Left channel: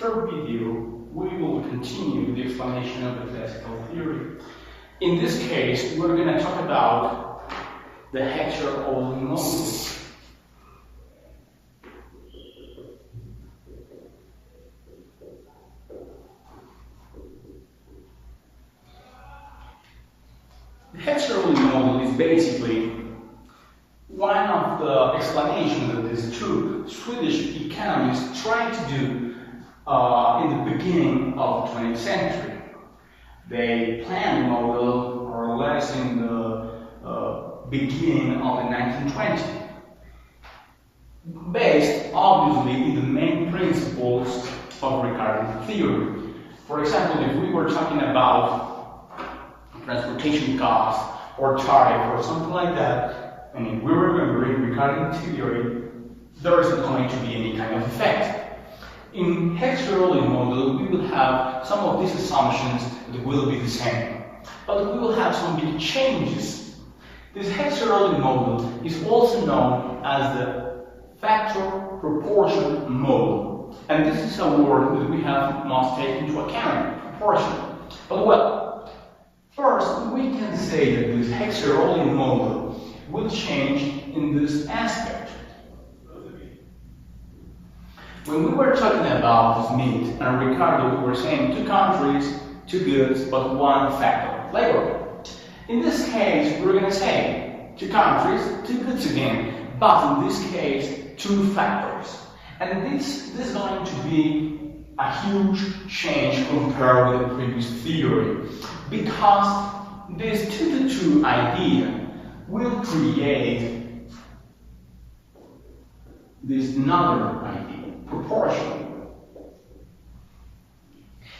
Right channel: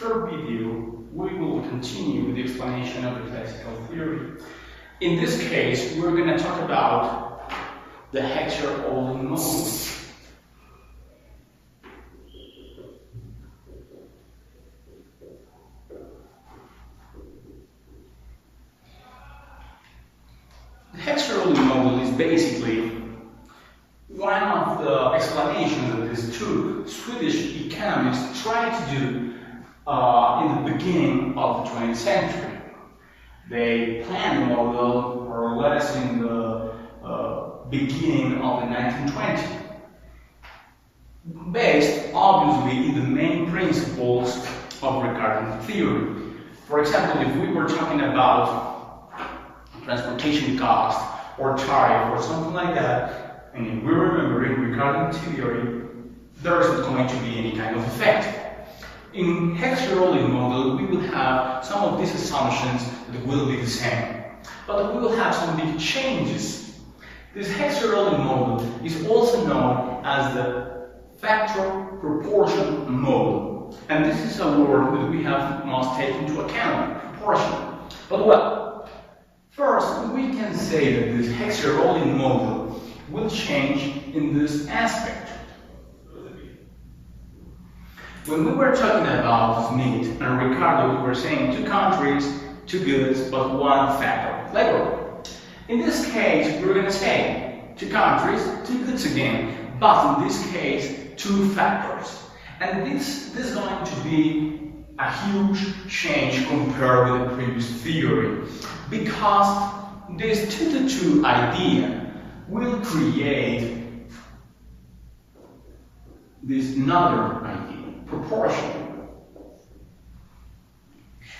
third video, we will continue with the explanation of the classical theory. In this case, we're going to talk about the Heckscher Ohlin model. The Heckscher Ohlin model is basically one of the explanations that these two Swedish economists tried to do in the beginning of the 20th century. They planned the model more or less in the beginning of the 1920s, based obviously in the main principles of Ricardian theory. For example, if we were talking about transportation cost or tariff or something like that, and if we remember in Ricardian theory, there isn't going to be any kind of effect. In Heckscher Ohlin model, we will have some of these assumptions that will be the same, but we will have some big changes. This Heckscher Ohlin model is also known as the factor proportion model, and this is a word that we must take into account, proportion. But well, first we can say that this Heckscher Ohlin model will change in this aspect. When we were talking about Smith and Ricardo, we were saying 2 countries, 2 goods, but 1 factor, labor. In this case, we're going to say 2 countries, 2 goods again, but in this case, 2 factors. And this is going to be a huge change compared with the previous theory, because this 2-to-2 idea will create this another idea, proportion.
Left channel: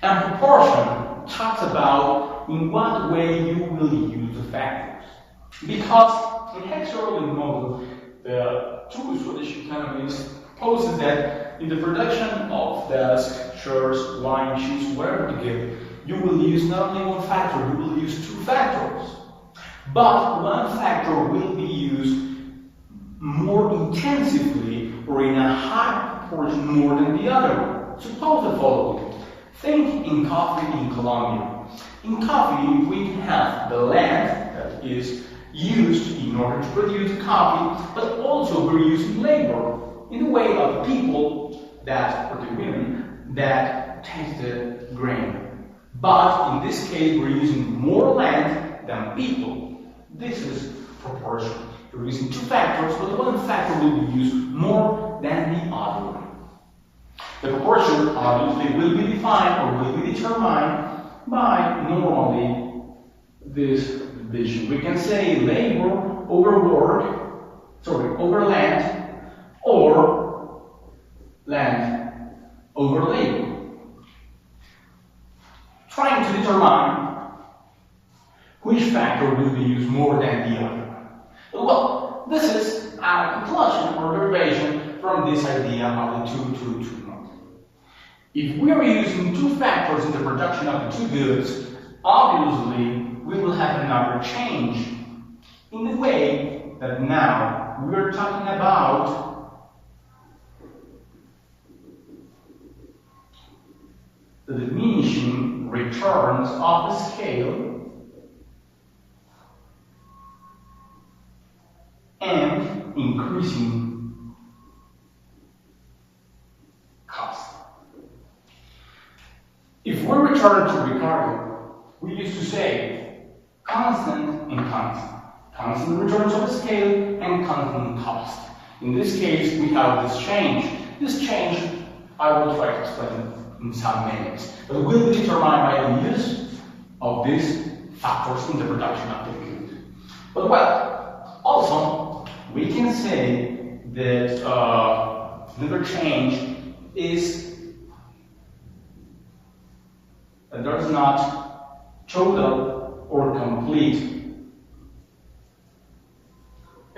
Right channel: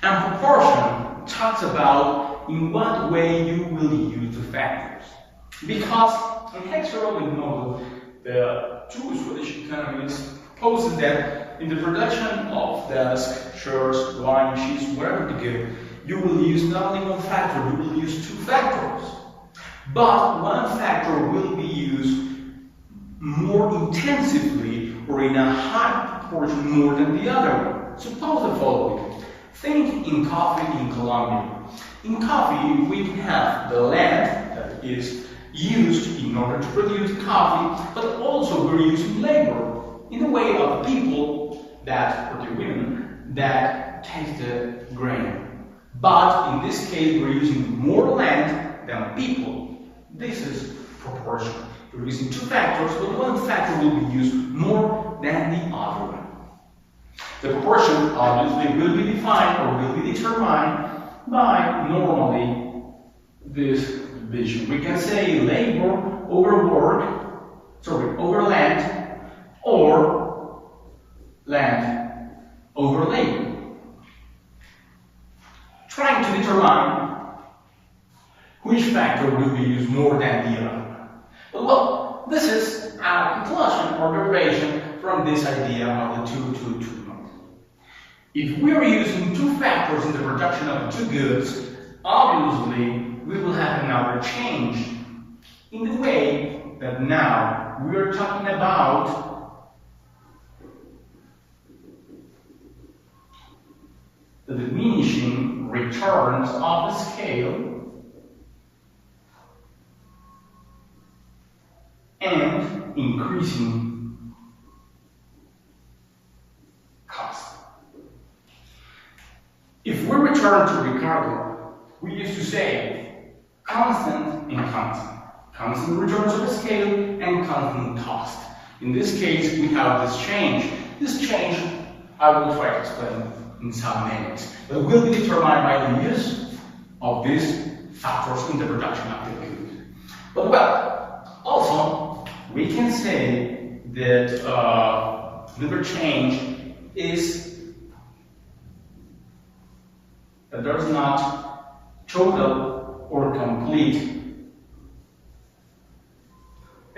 And proportion talks about in what way you will use the factors. Because in Heckscher Ohlin model, the 2 Swedish economists propose that in the production of desk, shirts, wine, cheese, whatever you give, you will use not only 1 factor, you will use 2 factors. But 1 factor will be used more intensively or in a high proportion more than the other one. Suppose the following. Think in coffee in Colombia. In coffee, we can have the land that is used in order to produce coffee, but also we're using labor in the way of the people that, or the women, that taste the grain. But in this case, we're using more land than people. This is proportion. We're using 2 factors, but 1 factor will be used more than the other one. The proportion obviously will be defined or will be determined by normally this division. We can say labor over land, or land over labor. Trying to determine which factor will be used more than the other one. Well, this is a conclusion or derivation from this idea of the 2-to-2 model. If we are using 2 factors in the production of the 2 goods, obviously we will have another change in the way that now we are talking about the diminishing returns of the scale and increasing cost. If we return to Ricardo, we used to say constant and constant. Constant returns of the scale and constant cost. In this case, we have this change. This change, I will try to explain in some minutes, but will be determined by the use of these factors in the production of the good. But well, also, we can say that another change is that there is not total or complete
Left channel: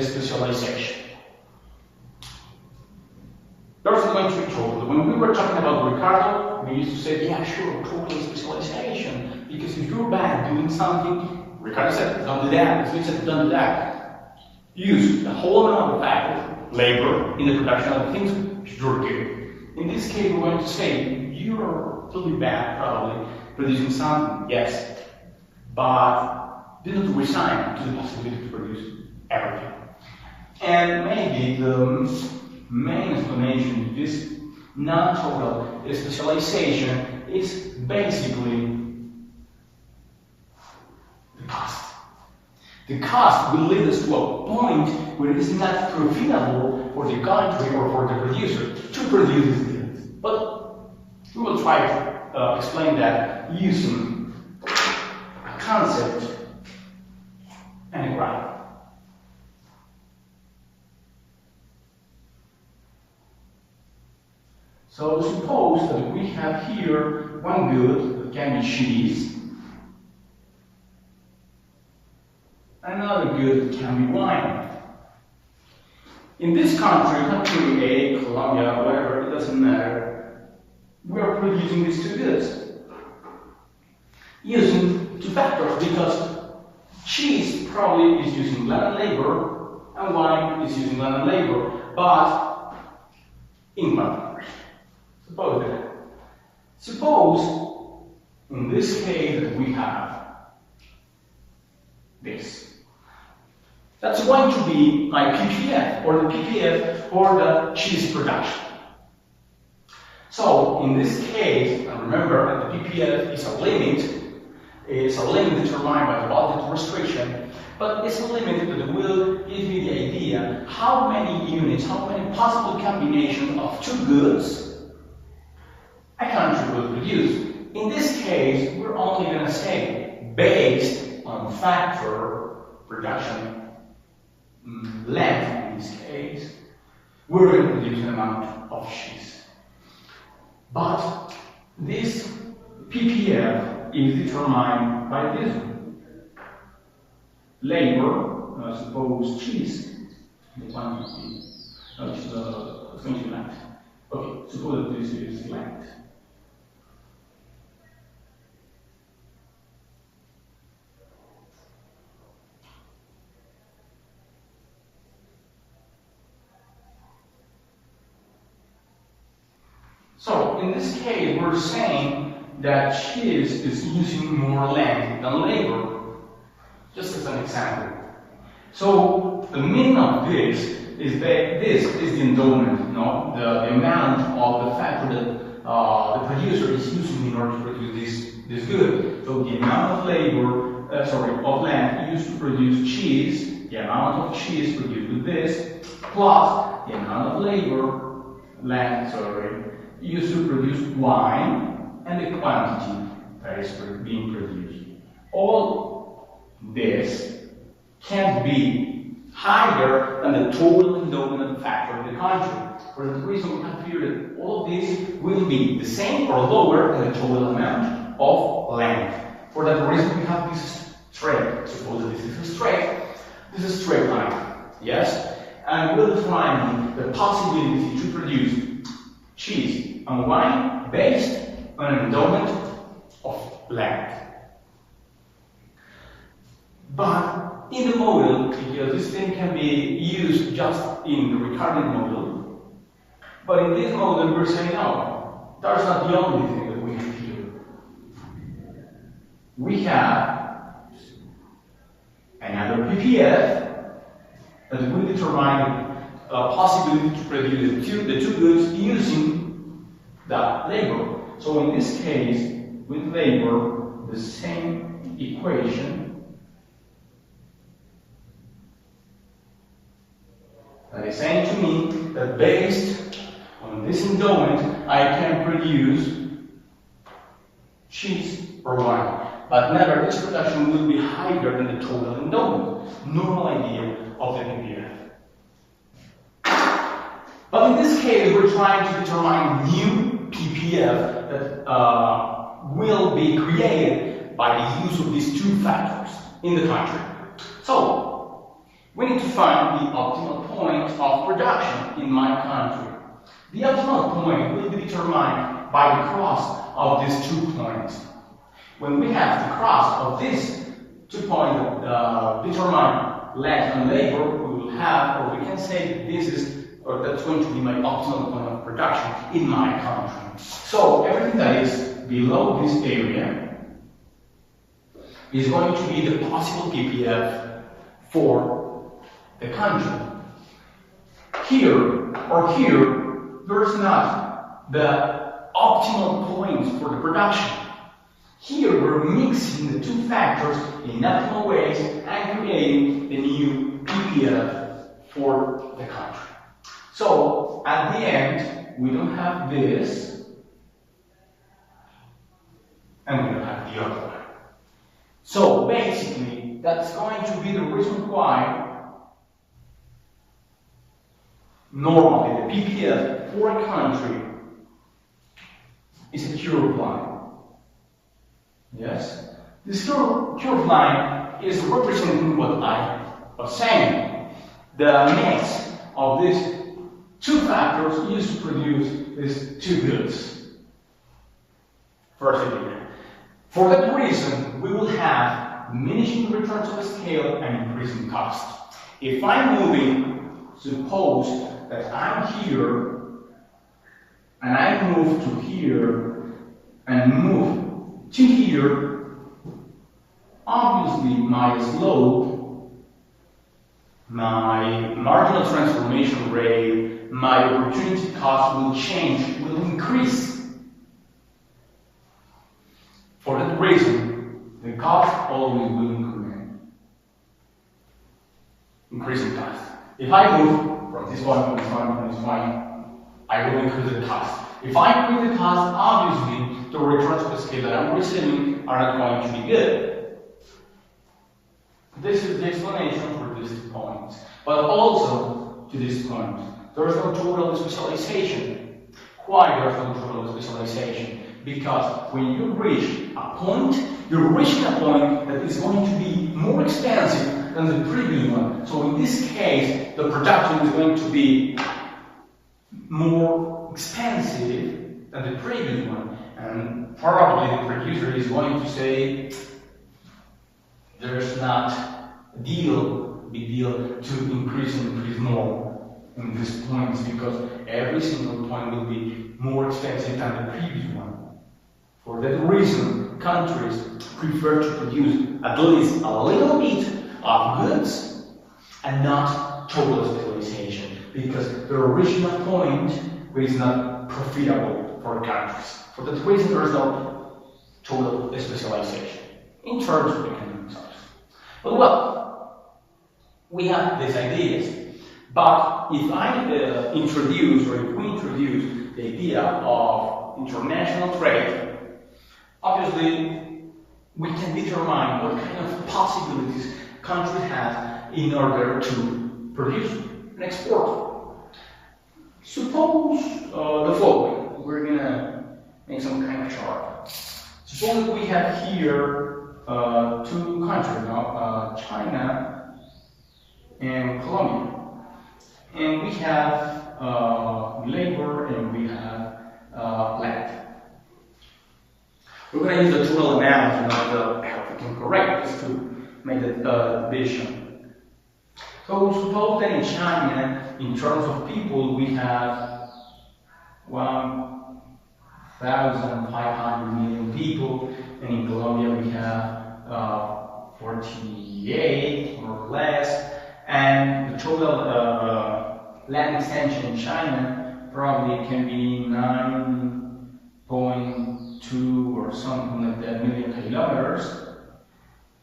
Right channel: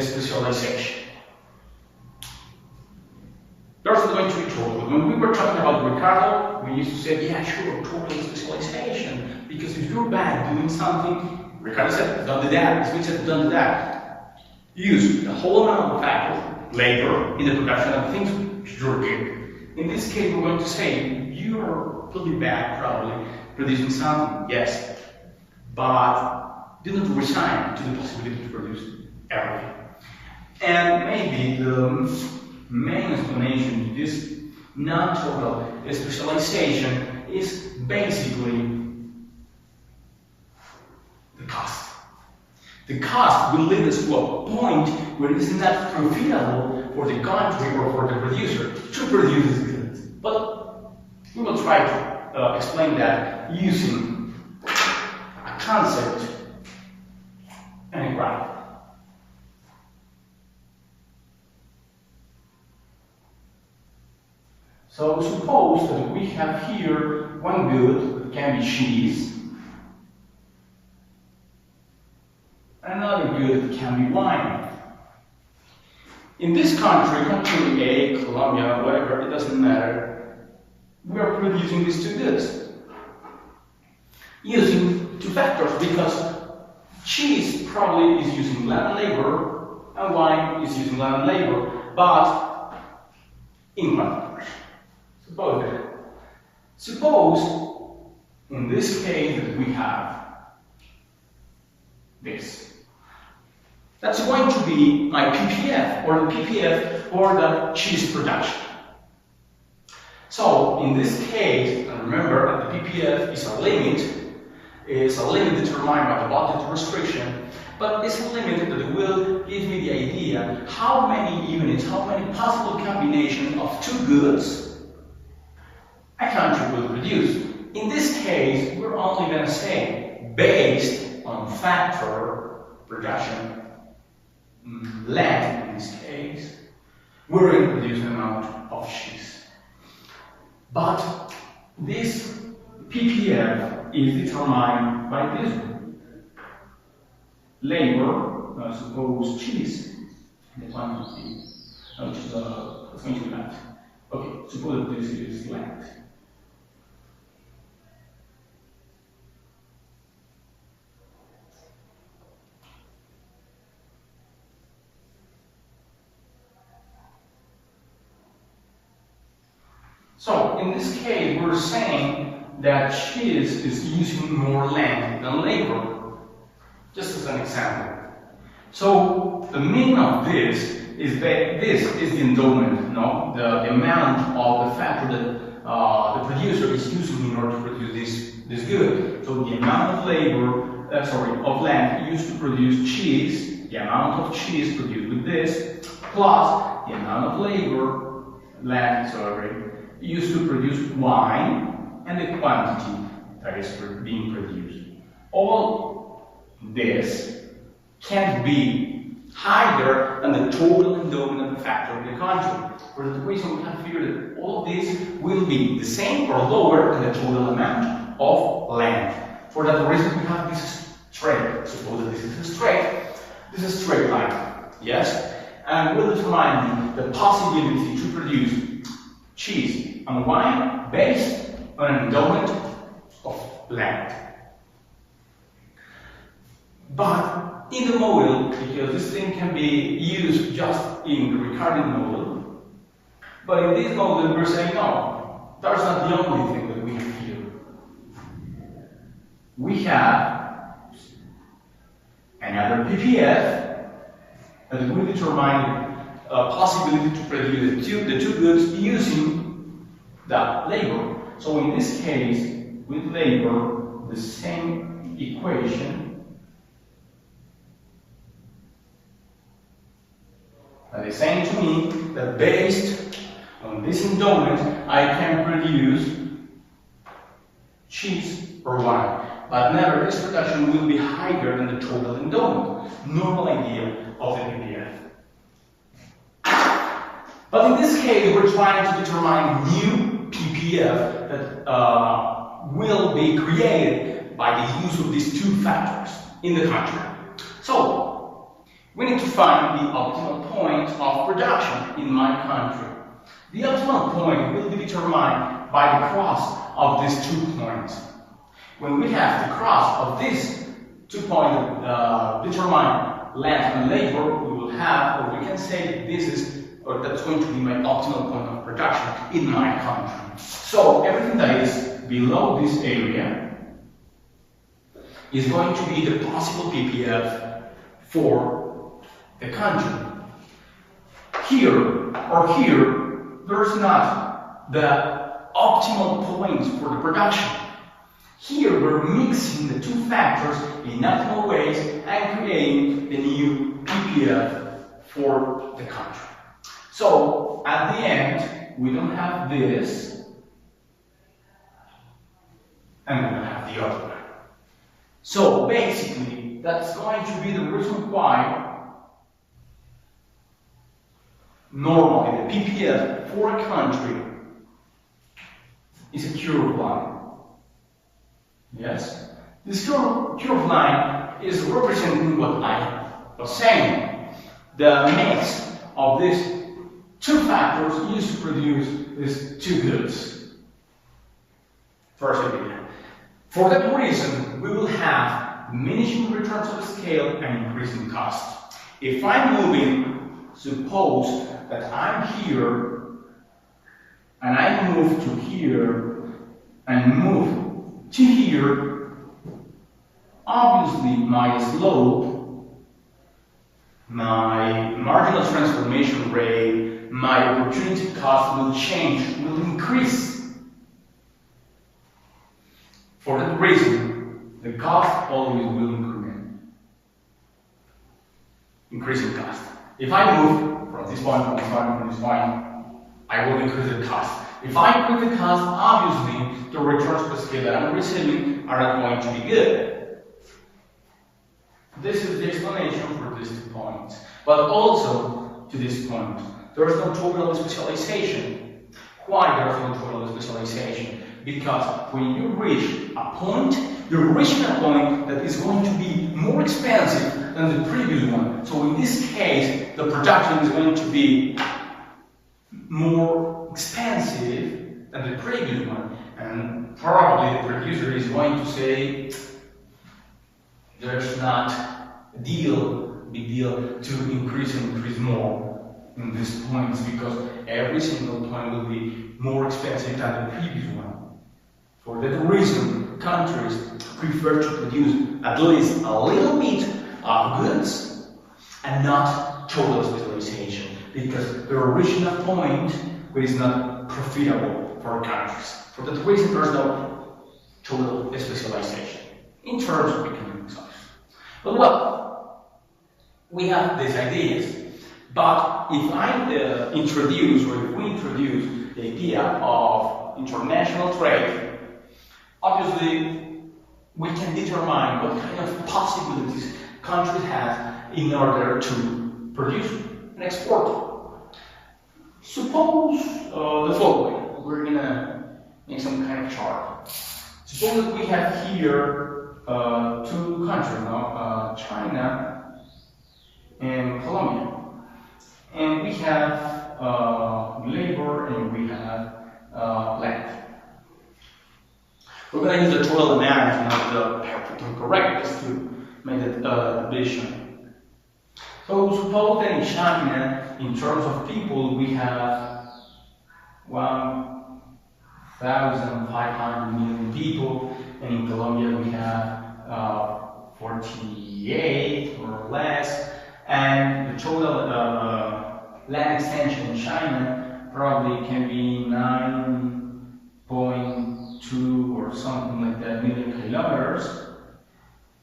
specialization. There's going to be total. When we were talking about Ricardo, we used to say, yeah, sure, total specialization. Because if you're bad at doing something, Ricardo said, don't do that. Smith said, don't do that. Use the whole amount of factors, labor, in the production of things which you're good. In this case, we're going to say, you'll be back probably producing something, yes, but do not resign to the possibility to produce everything. And maybe the main explanation to this non-total specialization is basically the cost. The cost will lead us to a point where it is not profitable for the country or for the producer to produce these goods. But we will try to explain that using a concept and a graph. So suppose that we have here one good that can be cheese, another good that can be wine. In this country A, Colombia, whatever, it doesn't matter, we are producing these two goods using two factors, because cheese probably is using land and labor and wine is using land and labor, but in quantities. Suppose in this case that we have this. That's going to be my PPF, or the PPF for the cheese production. So in this case, and remember the PPF is a limit determined by the budget restriction, but it's a limit that will give me the idea how many units, how many possible combinations of two goods a country will produce. In this case, we're only going to say based on factor production length. In this case, we're going to produce an amount of cheese. But this PPF is determined by this one. Labor, suppose cheese, the quantity, which is going to be length. Okay, suppose that this is length. So in this case, we're saying that cheese is using more land than labor, just as an example. So the meaning of this is that this is the endowment, the amount of the factor that the producer is using in order to produce this good. So the amount of of land used to produce cheese, the amount of cheese produced with this, plus the amount of land used to produce wine, and the quantity that is being produced. All this can't be higher than the total endowment factor of the country. For the reason we have here that all of this will be the same or lower than the total amount of land. For that reason we have this straight. Suppose that this is a straight line. Yes? And we'll determine the possibility to produce cheese and wine based on an endowment of land. But in the model, because this thing can be used just in the recurrent model, but in this model we're saying no, that's not the only thing that we have here. We have another PPF that will determine a possibility to produce the two goods using that labor. So in this case, with labor, the same equation that is saying to me that based on this endowment, I can produce cheese or wine. But never, this production will be higher than the total endowment, normal idea of the PPF. But in this case, we're trying to determine new PPF that will be created by the use of these two factors in the country. So, we need to find the optimal point of production in my country. The optimal point will be determined by the cross of these 2 points. When we have the cross of these 2 points that determine land and labor, we will have, or we can say that this is or that's going to be my optimal point of production in my country. So everything that is below this area is going to be the possible PPF for the country. Here or here, there's not the optimal point for the production. Here we're mixing the two factors in optimal ways and creating the new PPF for the country. So at the end, we don't have this, and we don't have the other one. So basically, that's going to be the reason why normally the PPF for a country is a curved line. Yes? This curved line is representing what I was saying. The mix of these two factors used to produce these two goods. First idea. For that reason, we will have diminishing returns to the scale and increasing cost. If I'm moving, suppose that I'm here, and I move to here, and move to here, obviously my slope, my marginal transformation rate, my opportunity cost will change, will increase. For that reason, the cost always will increment. Increasing cost. If I move from this point, from this point, from this point, I will increase the cost. If I increase the cost, obviously, the returns per scale that I'm receiving are not going to be good. This is the explanation for this point. But also, to this point, there is no total specialization. Why there is no total specialization? Because when you reach a point, you're reaching a point that is going to be more expensive than the previous one. So in this case, the production is going to be more expensive than the previous one. And probably the producer is going to say, there's not a big deal to increase more in these points, because every single point will be more expensive than the previous one. For that reason, countries prefer to produce at least a little bit of goods and not total specialization, because they're reaching a point where it's not profitable for countries. For that reason, there's no total specialization in terms of economic resources. But well, we have these ideas. But if I introduce, or if we introduce the idea of international trade, obviously we can determine what kind of possibilities countries have in order to produce and export. Suppose the following. We're going to make some kind of chart. Suppose that we have here two countries now, China and Colombia. And we have labor and we have land. We're going to use the total amount, not the perfect and correct, just to make the division. So suppose that in China, in terms of people, we have 1,500 million people, and in Colombia we have 48 or less, and the total land extension in China probably can be 9.2 or something like that million kilometers.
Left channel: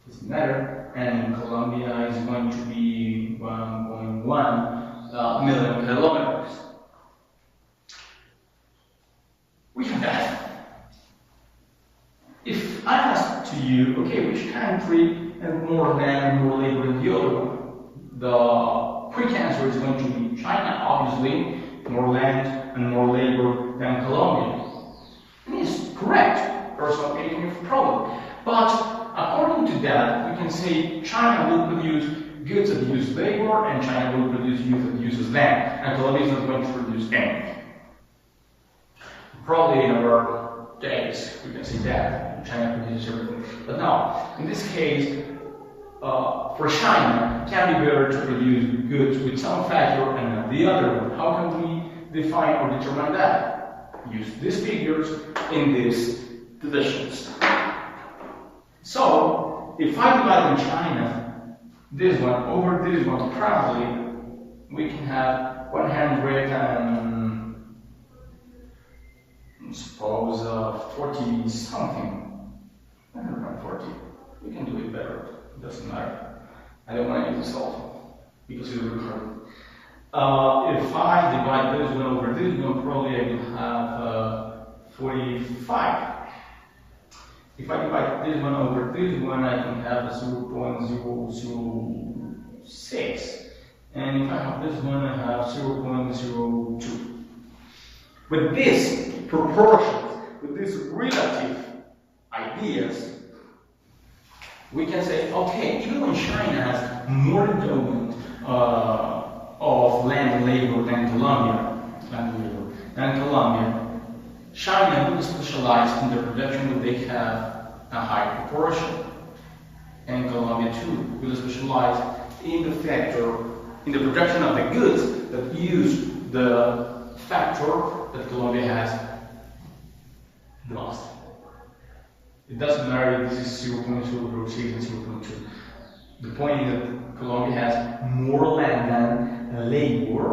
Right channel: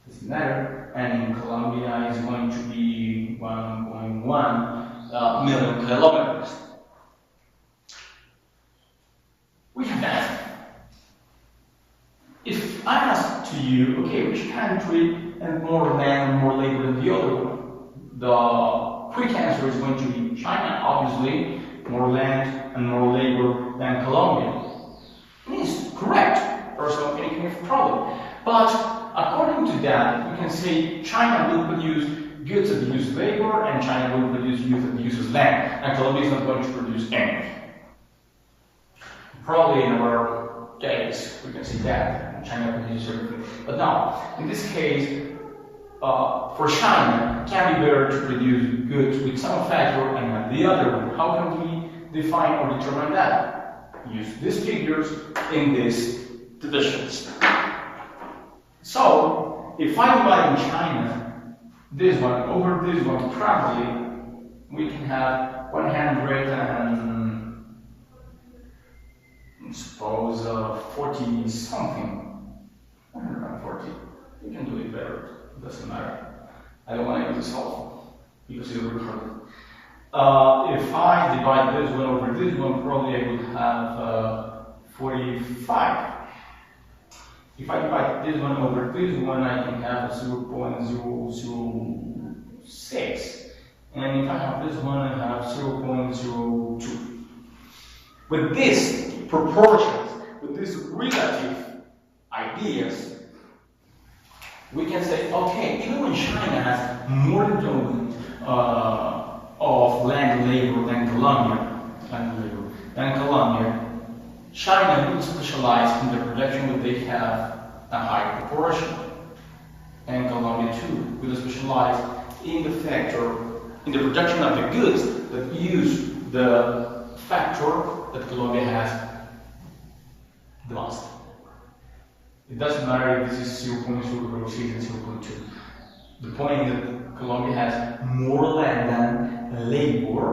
Doesn't matter. And in Colombia is going to be 1.1 million kilometers. We have that. If I ask to you, okay, which country has more land, more labor than the other one? The quick answer is going to be China, obviously, more land and more labor than Colombia. And it's correct, there's no any kind of problem. But according to that, you can say China will produce goods that use labor, and China will produce goods that uses land, and Colombia is not going to produce anything. Probably in our case, we can say that China produces everything. But now, in this case, for China can be better to produce goods with some factor and not the other one. How can we define or determine that? Use these figures in these divisions. So, if I divide in China this one over this one, probably we can have 100 and suppose 40 something. 140. We can do it better. It doesn't matter. I don't want to use the cell phone because it will be hard. If I divide this one over this one, probably I will have 45. If I divide this one over this one, I can have 0.006. And if I have this one, I have 0.02. With these proportions, with these relative ideas, we can say, okay, even when China has more endowment of land and labor than Colombia, China will specialize in the production that they have a high proportion, and Colombia too will specialize in the factor, in the production of the goods that use the factor that Colombia has the most. It doesn't matter if this is 0.006 and 0.2. The point is that Colombia has more land than labor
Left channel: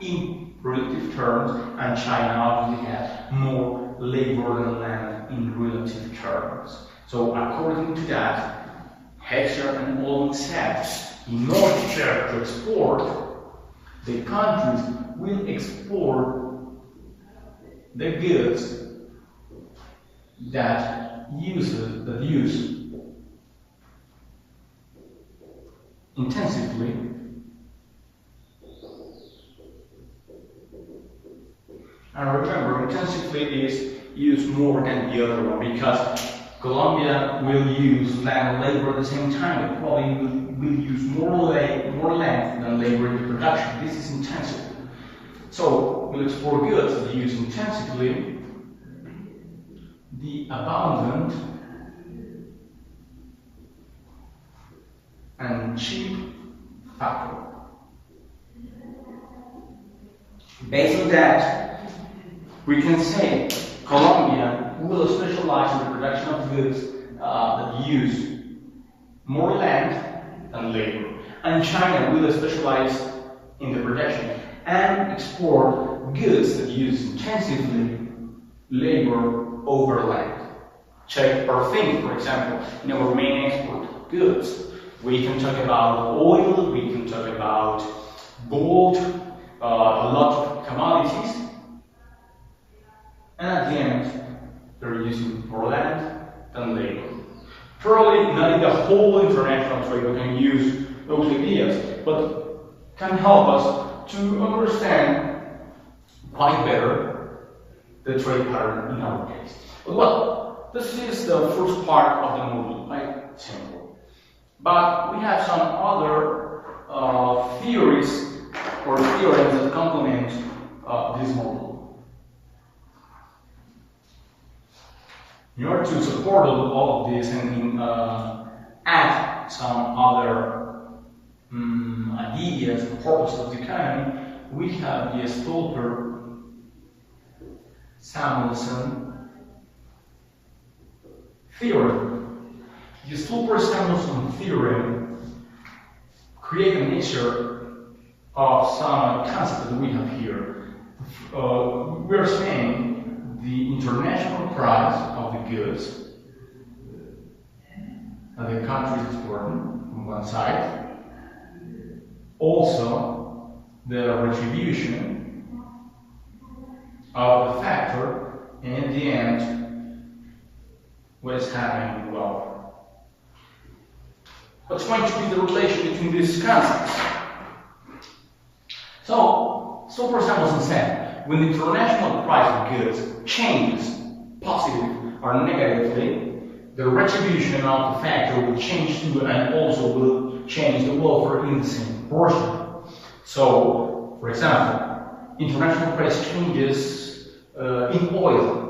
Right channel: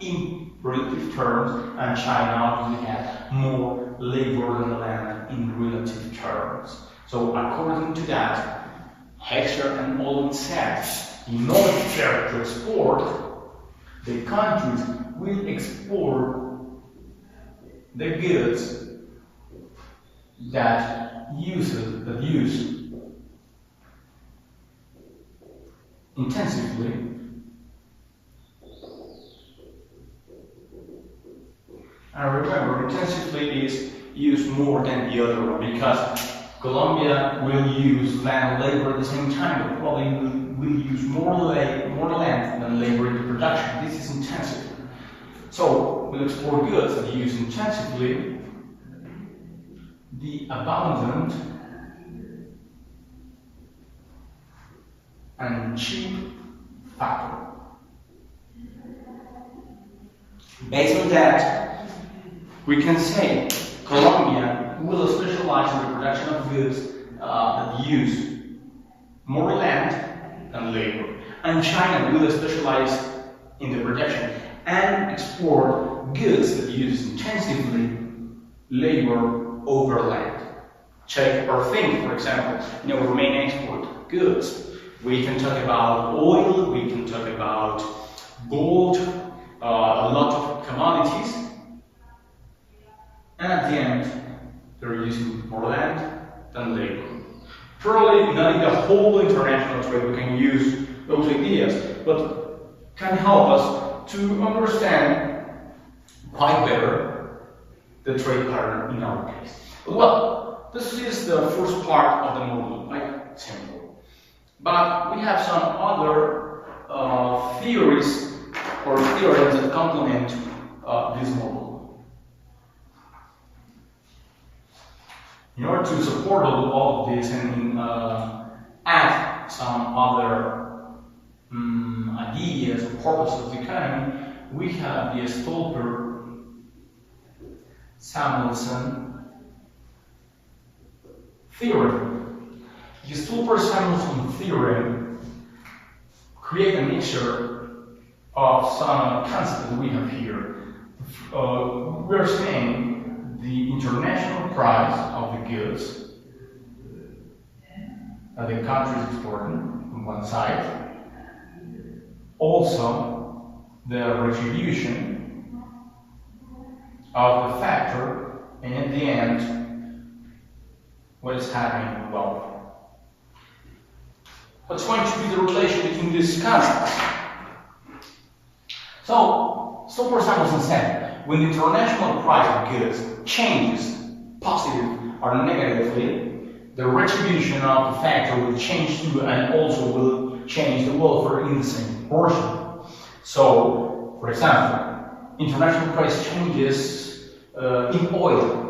in relative terms, and China obviously has more labor than land in relative terms. So according to that, Heckscher and Ohlin said, in order to export, the countries will export the goods that use intensively and remember, intensively is used more than the other one because Colombia will use land and labor at the same time, but probably will use more land than labor in the production. This is intensive. So we'll export goods that use intensively the abundant and cheap factor. Based on that, we can say Colombia will specialize in the production of goods that use more land than labor, and China will specialize in the production and export goods that use intensively labor over land. Check or think, for example, in our main export goods. We can talk about oil, we can talk about gold, a lot of commodities, and at the end, they're using more land than labor. Probably not in the whole international trade we can use those ideas, but can help us to understand quite better the trade pattern in our case. But well, this is the first part of the model, quite simple. But we have some other theories or theorems that complement this model. In order to support all of this and add some other ideas and purposes of the economy, we have the Stolper-Samuelson theorem. The Stolper-Samuelson theorem creates a mixture of some concepts that we have here. We're saying the international price of the goods that the country is exporting on one side, also the retribution of the factor, and at the end, what is happening with wealth. What's going to be the relation between these concepts? So, Stolper-Samuelson said, when the international price of goods changes positive or negatively, the retribution of the factor will change too, and also will change the welfare in the same proportion. So, for example, international price changes in oil.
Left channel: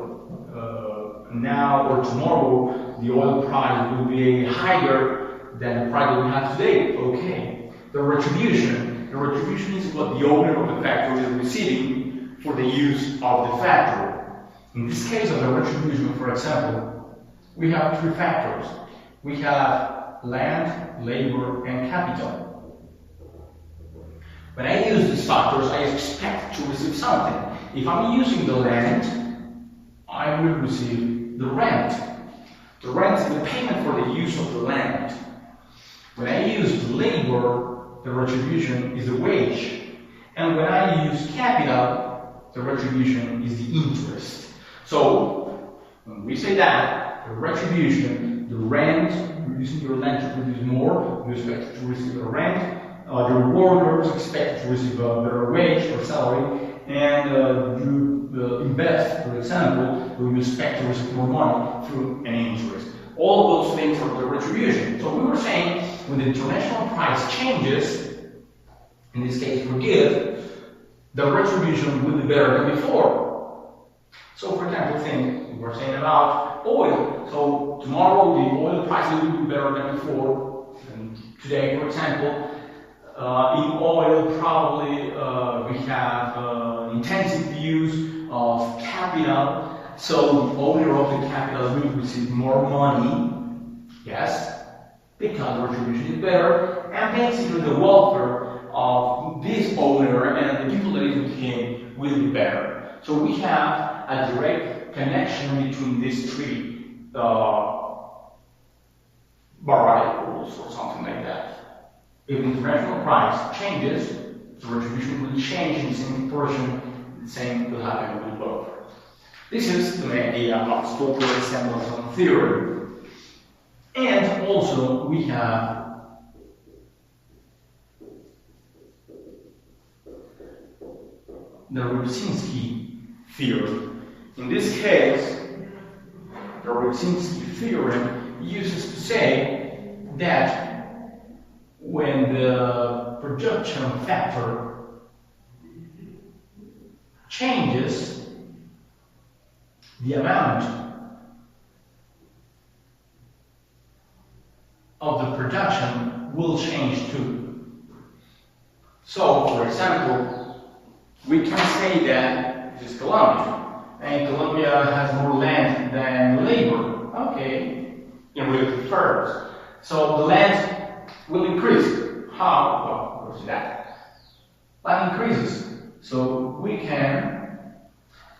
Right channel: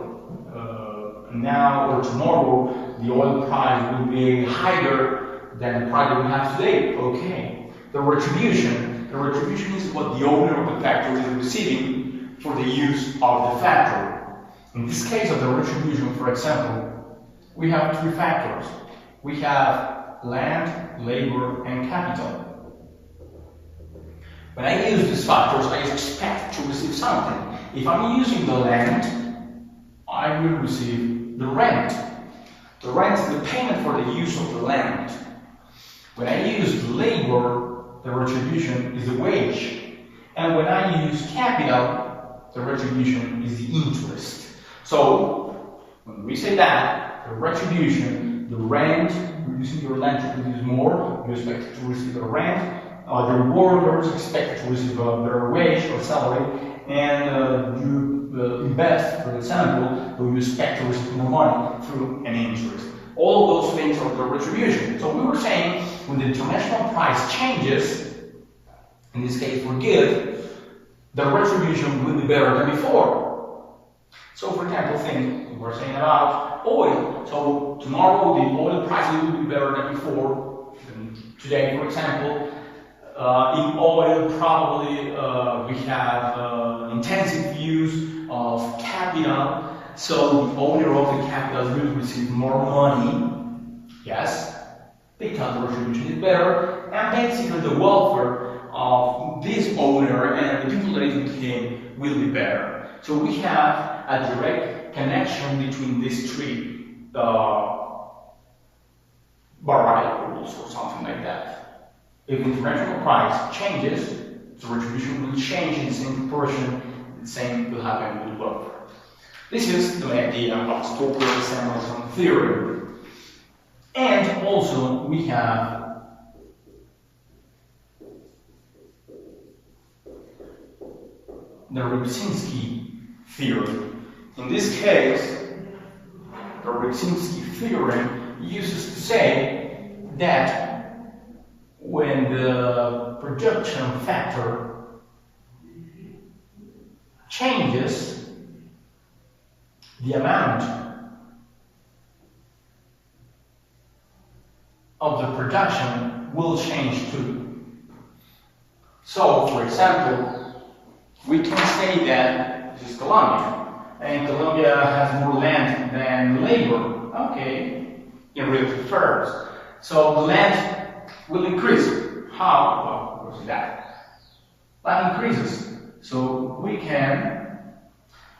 Now or tomorrow, the oil price will be higher than the price that we have today. Okay. The retribution. The retribution is what the owner of the factory is receiving for the use of the factory. In this case of the retribution, for example, we have three factors. We have land, labor, and capital. When I use these factors, I expect to receive something. If I'm using the land, I will receive the rent. The rent is the payment for the use of the land. When I use the labor, the retribution is the wage. And when I use capital, the retribution is the interest. So, when we say that, the retribution, the rent, you're using your land to produce more, you expect to receive the rent, the workers expect to receive a better wage or salary, and you invest, for example, you expect to receive more money through an interest. All those things are the retribution. So we were saying, when the international price changes, in this case for good, the retribution will be better than before. So for example, think, we were saying about oil. So tomorrow the oil prices will be better than before. And today, for example, in oil probably we have intensive use of capital. So the owner of the capital will receive more money, yes, because the retribution is better, and basically the welfare of this owner and the people that is with him will be better. So we have a direct connection between these three variables or something like that. If the international price changes, the retribution will change in the same proportion, the same will happen with welfare. This is the idea of stochastic sample theory. And also we have the Rybczynski theory. In this case, the Rybczynski theorem uses to say that when the production factor changes, the amount of the production will change too. So, for example, we can say that this is Colombia, and Colombia has more land than labor. Okay, in real terms. So the land will increase. How? Well, we'll see that. Land increases, so we can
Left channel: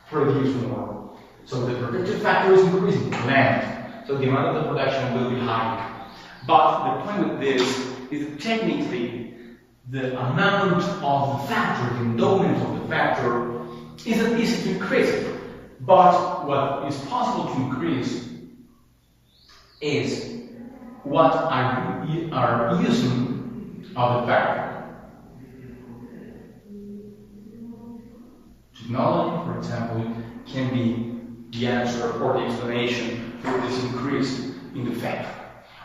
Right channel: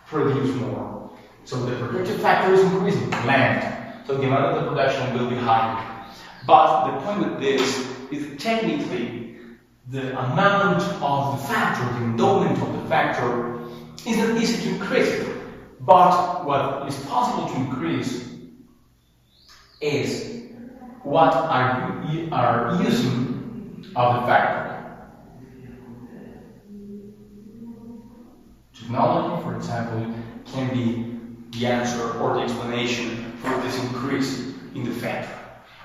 produce more. So the productive factor is increasing, land. So the amount of the production will be higher. But the point with this is technically the amount of the factor, the endowment of the factor, isn't easy to increase. But what is possible to increase is what are using of the factor. Technology, for example, can be the answer or the explanation for this increase in the factor.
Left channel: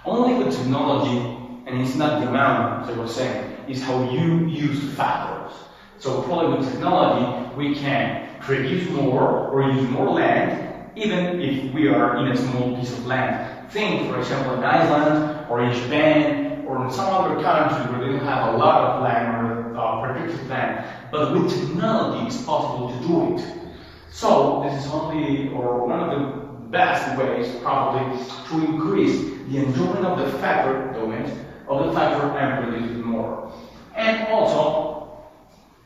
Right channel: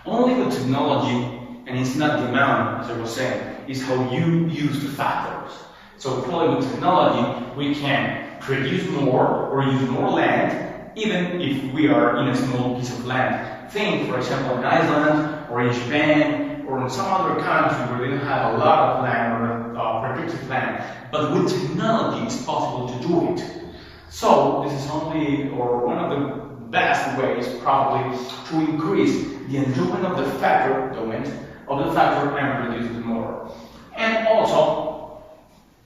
Only with technology, and it's not the amount, as I was saying, is how you use the factors. So probably with technology, we can produce more or use more land, even if we are in a small piece of land. Think, for example, in Iceland, or in Japan, or in some other country where they don't have a lot of land or productive land. But with technology, it's possible to do it. So this is only, or one of the best ways, probably, to increase the endowment of the factor, and produce more. And also,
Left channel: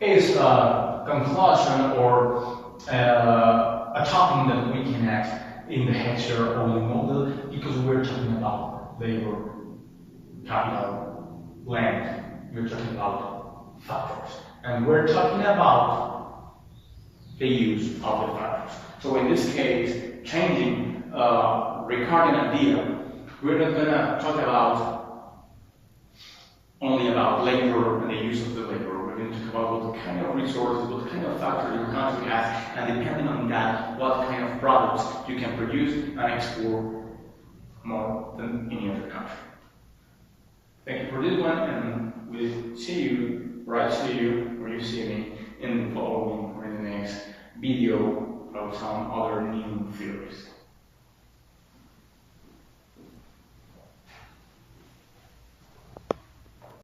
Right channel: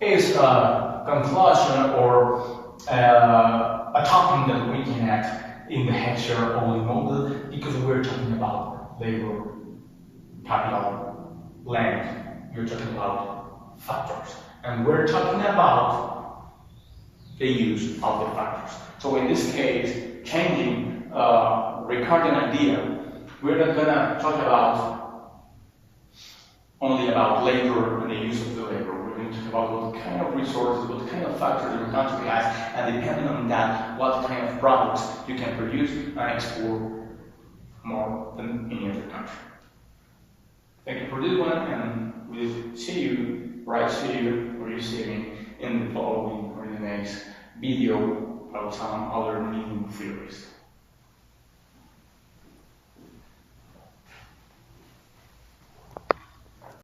is a conclusion or a topic that we can add in the Heckscher Ohlin model, because we're talking about labor, capital, land. We're talking about factors, and we're talking about the use of the factors. So in this case, changing recording idea, we're not gonna talk about only about labor and the use of the labor. We're going to talk about what kind of resources, what kind of factors your country has, and depending on that, what kind of products you can produce and export more than any other country. Thank you for this one, and we'll see you, or I see you, or you see me, in the following or in the next video about some other new theories.